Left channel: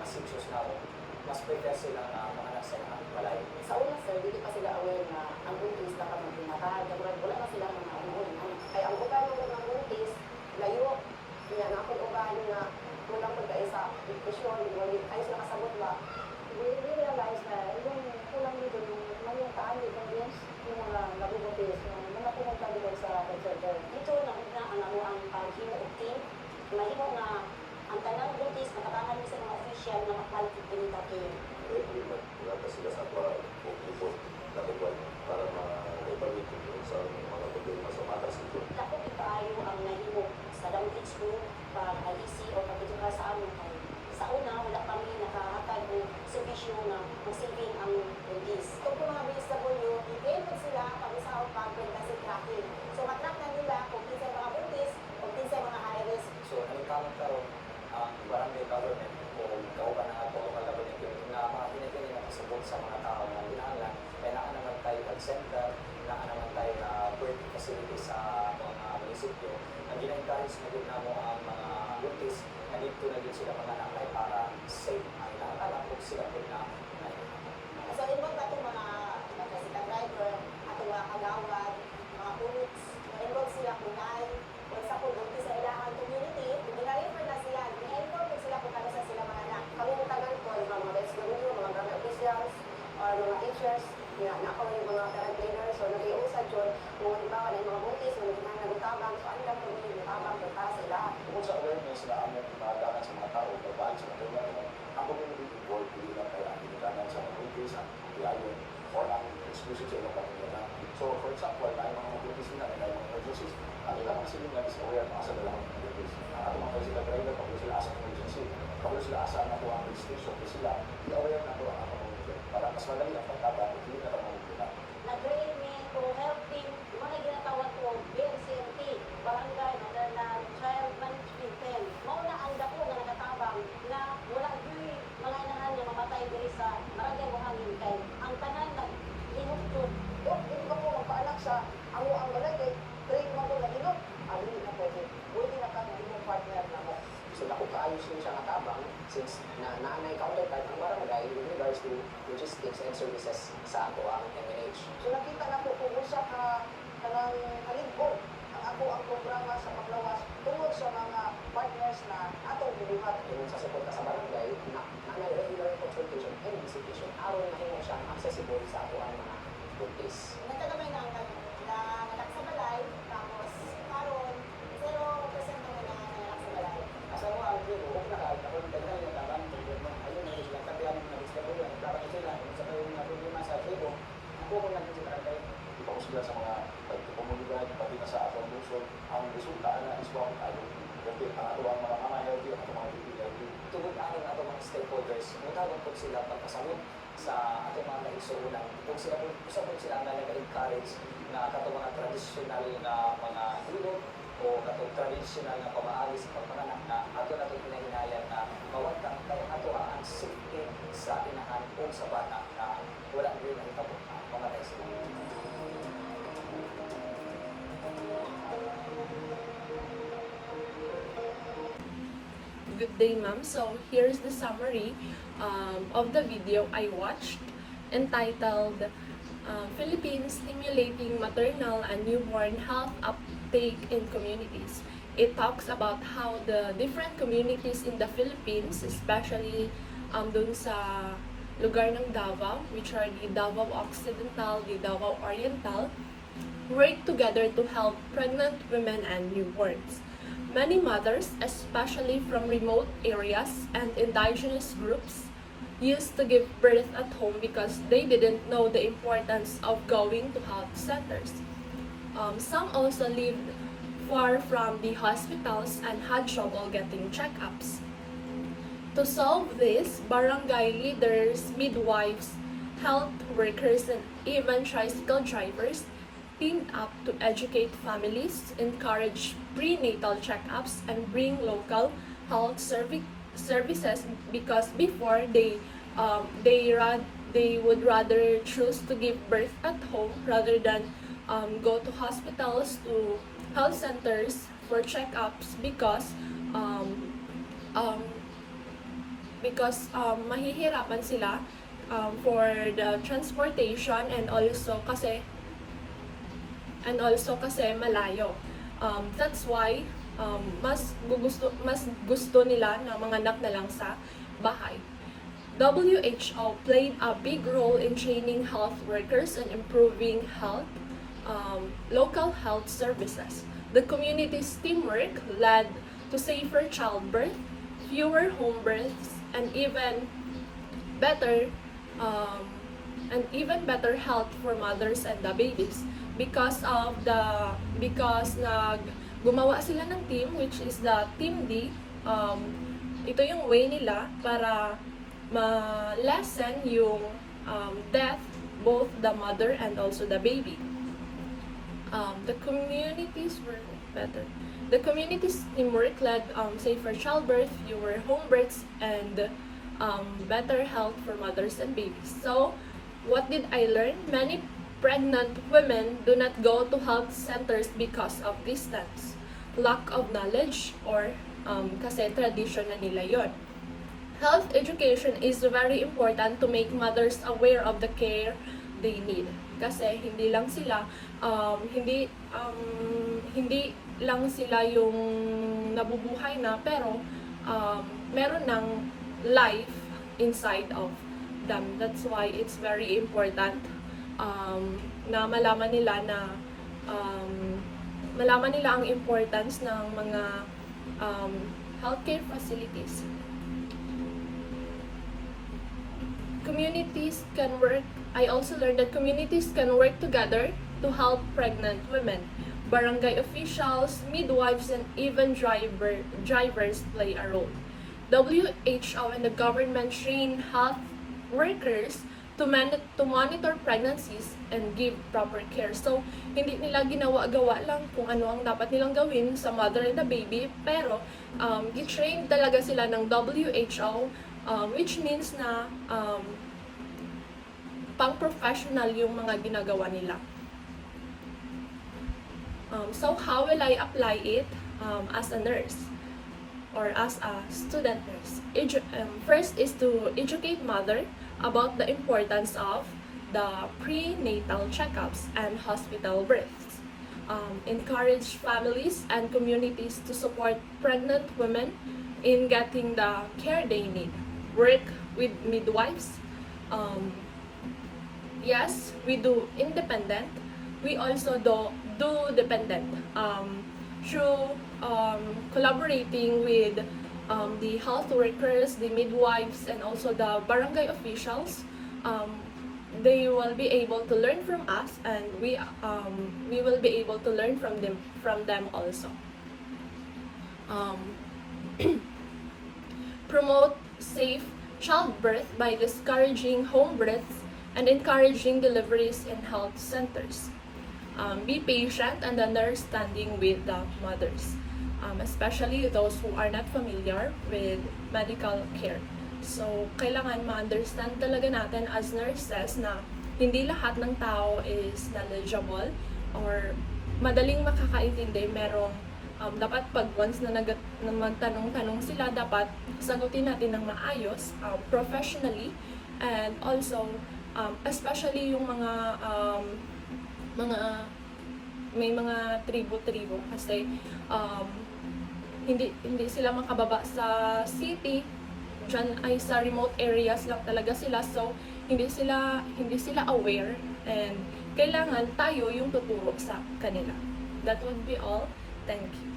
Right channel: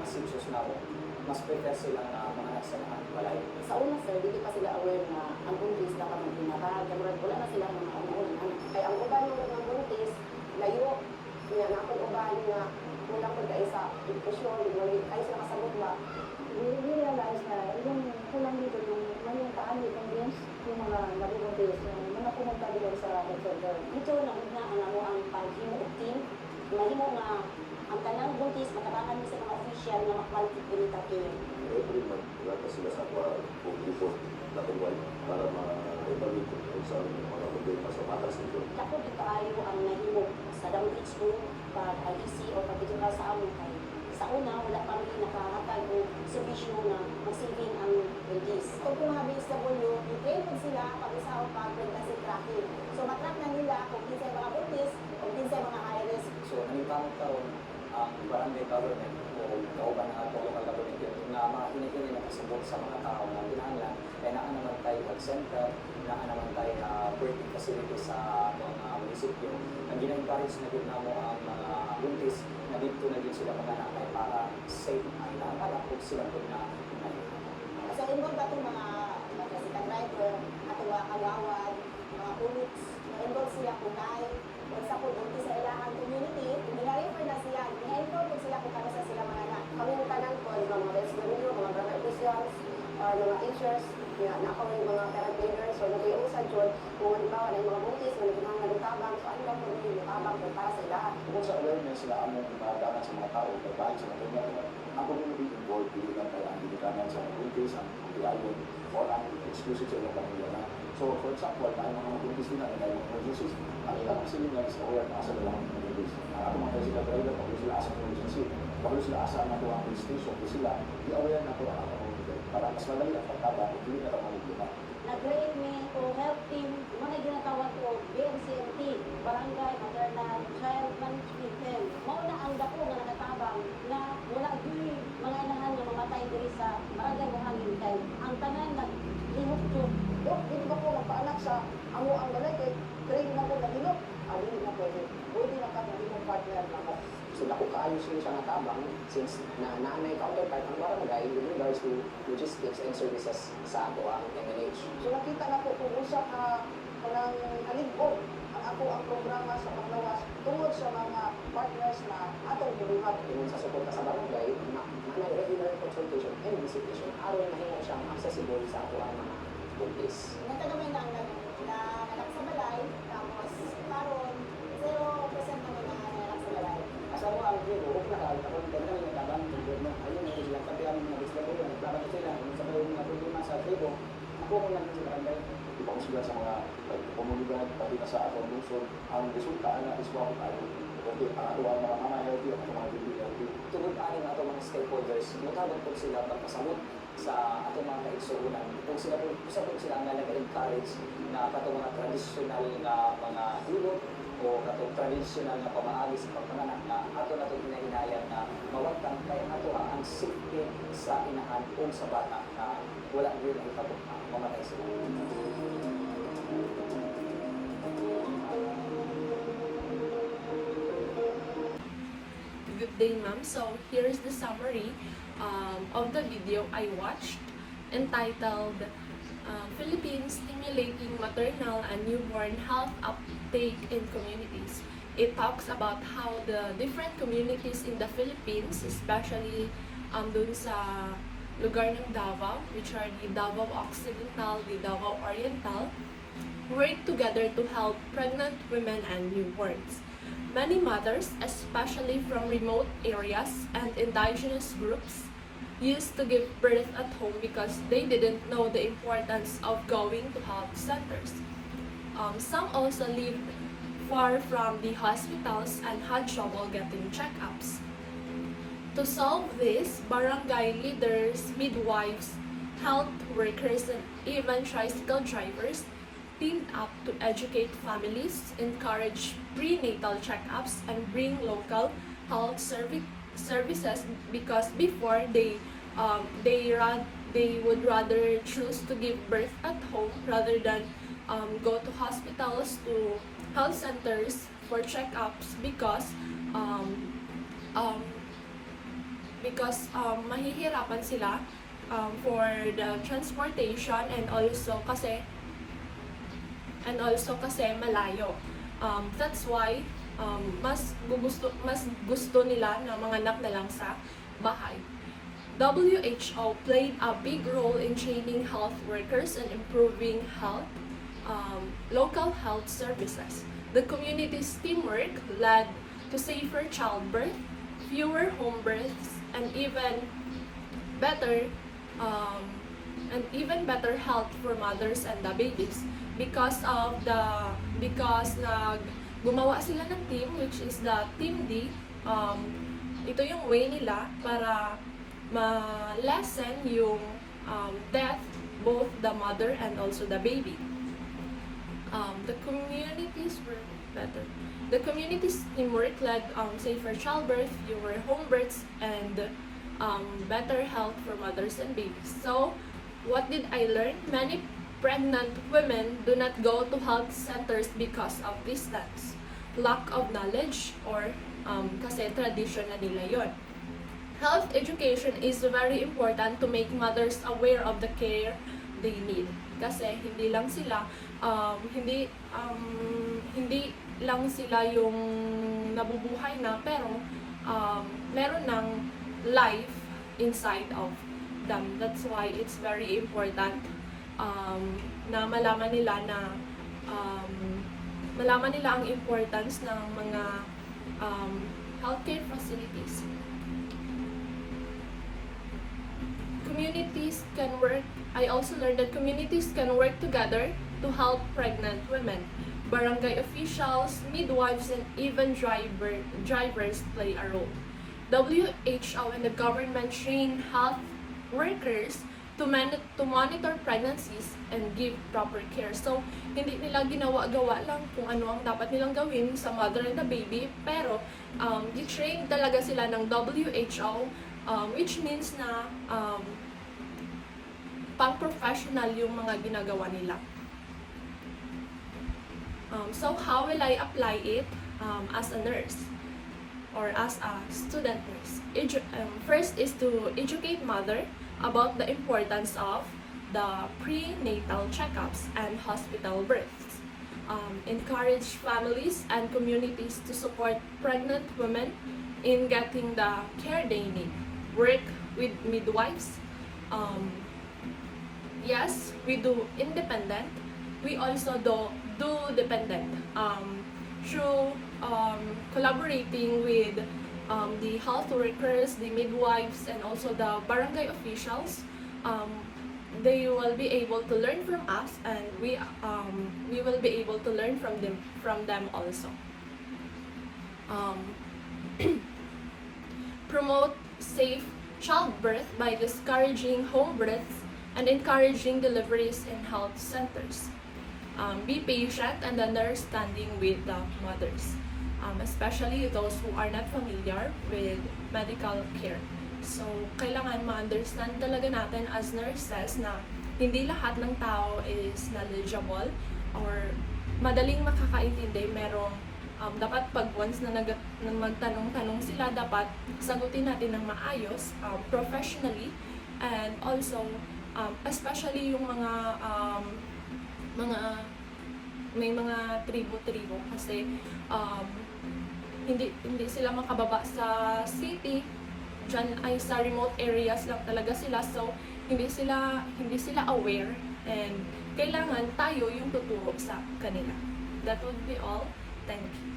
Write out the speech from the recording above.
decisions na mas prefer silang mga sa balay. Sa una sir, dito pa sila aware na ang buntis na kami pinatahag. Wala na sila mga umuulan. Kaya ang uban mo ng buntis, layo, yan ako uban na wala mo kayo sa depresyon, wala kayo sa masamot ba. Hindi lang tayo sa yung kulang dito yung taan yung buntis, yung mga labulang buntis, yung mga pinagkaroon sa interview. Dito na una ang pag-himog-team, mahimo na ang tanang buntis, matalakan sa mga official na magpalitin dapat sila sa para tututo na kuwan para makapagpalito kung saan pasamahan sa ito. Ako tayo ang nahimog sa dawit school para mag-isi o pag-ituka sa amin. Sa una, wala pa rin nakahatag o subisyon na magsilbing ang buntis. Kung kumabis sa mundo, prepare po sila ang isang pag-pregnancy. So matangnan nila kung hindi sa mga buntis o hindi sa mga high-risk. So, nag-encounter ang barangay government o kauban na ako na mga kinikinig na pasibok sa mga tao na kinahanglan ay naka naman tayo ng center, naka naman tayo working facility sa mga munisipyo. Nag-encourage na din mo ang mga buntis na dito na din sila kumanak ay para safe at nakalapot sila doon na So involved ba itong mga driver at mga kalawad, mga police, na-involved sila kung dahil magsapot ang sa ilangan community, nilalipan na sila, na-involved sila kung ano sa sila mga anak. Pagkakatalan ko, yung mga rescue, mga barangay officials, or mga teachers, na ako yung mga carabiners, or nag-iusan doon, kung halimbawa na yung mga putis, kung hindi na nalutabang, so ano yung nalutabang, yung para sila. kung sa awareness sila ang mga paratangan sa mga tao, pagkaan sa mga tumayo. Ang community involved, hindi lang tayo ang bilikanan sa mga buntis, ang bilawon, or ang exclusive sa mga pamilya. So, for example, ay mga buntis nila, ay mga emergencies, at ang sila nga sa kaya ang asa nila ng buntis. Ang ako mga sila kayo na kung sila asa ng emergency, kung sila asa na kung ang institution, sila, di aware na kung ang para mas madali ang pagkata, hindi na pamilya. Nag-rate me kung health team, muna ginatawag ko, BMCMT, Barangay Adana Child Management. Mauna ang dako na nakatabang na wala dun mga inahan yung mamatay dito sa Barangay Buhangin kay ang tanan na hinukto. Hindi ba ko mapaanak sa amo ang barangay, train mo ko na hinuk. Ayun na po, hindi na kami yung partner na mo. Sila kung kaayos yun siya natabang, since nanay counterpart ang barangay with regards to logistics and services sa ako ang MLH. So nakita na po kung usap na kanang nahigod ang ako programa sa paglawas tungod sa mga partners na atong buliwat. Sa support sa barangay, nanay regular consultation and visitation, aron na yun siya accessible sa ako ang mga buntis. Nagkagamay na ang na anak sa balay, tapos karon 0% ng mga anak sa balay. Asawa ang buong na kung ganun na nagkabang government, ayun na ilang katiyan mga gusto ko, nagkabang sila, sa balay mga problema sa arkibo, ako ang lang sa barangay. Ipag sila sa mga komunidad, pati na sa atong lungsod, ang resulta na is mga tayo. Okay, ako ang mga mamaya ito, ang mga bibigyan ito. Tinutari ng atong mga stakeholders, ginawag ko sila magpasamot sa atong mga kaigsuunan. Kung sila po, sila ang nag-encourage na atong mga traditional na mga hilot o atong traditional na pamahalis sa pamananak na ato na kinahinayan na mawagtang kaya nato ang safety sa inahan kung sa bata na wala din ito mamatay sa Good day, ma'am. So here's the summary of the video I watched entitled Philippines Stimulating Maternal and Newborn Health Uptake in Communities. It talks about how the different communities in the Philippines, especially dun sa lugar ng Davao, which are the Davao Occidental, the Davao Oriental, work together to help pregnant women and newborns. Many mothers, especially from remote areas and indigenous groups, used to give birth at home because they didn't know the importance of going to health centers. Some also lived far from the hospitals and had trouble getting checkups. To solve this, barangay leaders, midwives, health workers, and even tricycle drivers teamed up to educate families, encourage prenatal checkups, and bring local health services because before they would rather choose to give birth at home rather than go to hospitals, to health centers for checkups because because mahihirapan sila for the transportation and also kasi malayo. That's why mas gusto nila na manganak na lang sa bahay. WHO played a big role in training health workers and improving local health services. The community's teamwork led to safer childbirth, fewer home births, and even better health for mothers and the babies because gumawa sila ng team, which is the Team D. Ito yung way nila para ma-lessen yung death, both the mother and also the baby. The communities were better. The community's teamwork led safer childbirth, fewer home births, and better health for mothers and babies. So, what did I learn? Many pregnant women do not go to health centers because of distance, lack of knowledge, or kasi tradition na nila yon. Health education is very important to make mothers aware of the care they need. Kasi hindi lang sila yung nabubuhay na, pero meron ng life inside of them. That's why it's very important na malaman nila ang importance ng mga healthcare facilities. I also learned that communities can work together to help pregnant women. Barangay officials, midwives, and even drivers play a role. WHO and the government train health workers to monitor pregnancies and give proper care. So, hindi nila ginawa-gawa lang kung ano ang dapat nilang gawin sa mother and the baby, pero i-train talaga sila ng WHO, which means na pang-professional yung mga ginagawa nila. So, how will I apply it as a nurse or as a student nurse? First is to educate mother about the importance of the prenatal checkups and hospital births. Encourage families and communities to support pregnant women in getting the care they need. Work with midwives. Yes, we do independent. We also do dependent. Through collaborating with the health workers, the midwives, and also the barangay officials, they will be able to learn from us, and we will be able to learn from them also. Promote safe childbirth by discouraging home births and encouraging deliveries in health centers. Be patient and understanding with the mothers, especially those who are not familiar with medical care. So, kailangan ma-understand talaga natin as nurses na hindi lahat ng tao is knowledgeable or madaling makakaintindi. Merong dapat pag once na magtanong-tanong sila, dapat sagutin natin ng maayos, professionally, and also especially yung may mga tribo-tribo kasi hindi sila makababa sa city. Diyan ay sa remote areas lang talaga sila, so hindi sila aware, and kailangan tayo yung tuturo sa kanila. That would be all. Thank you.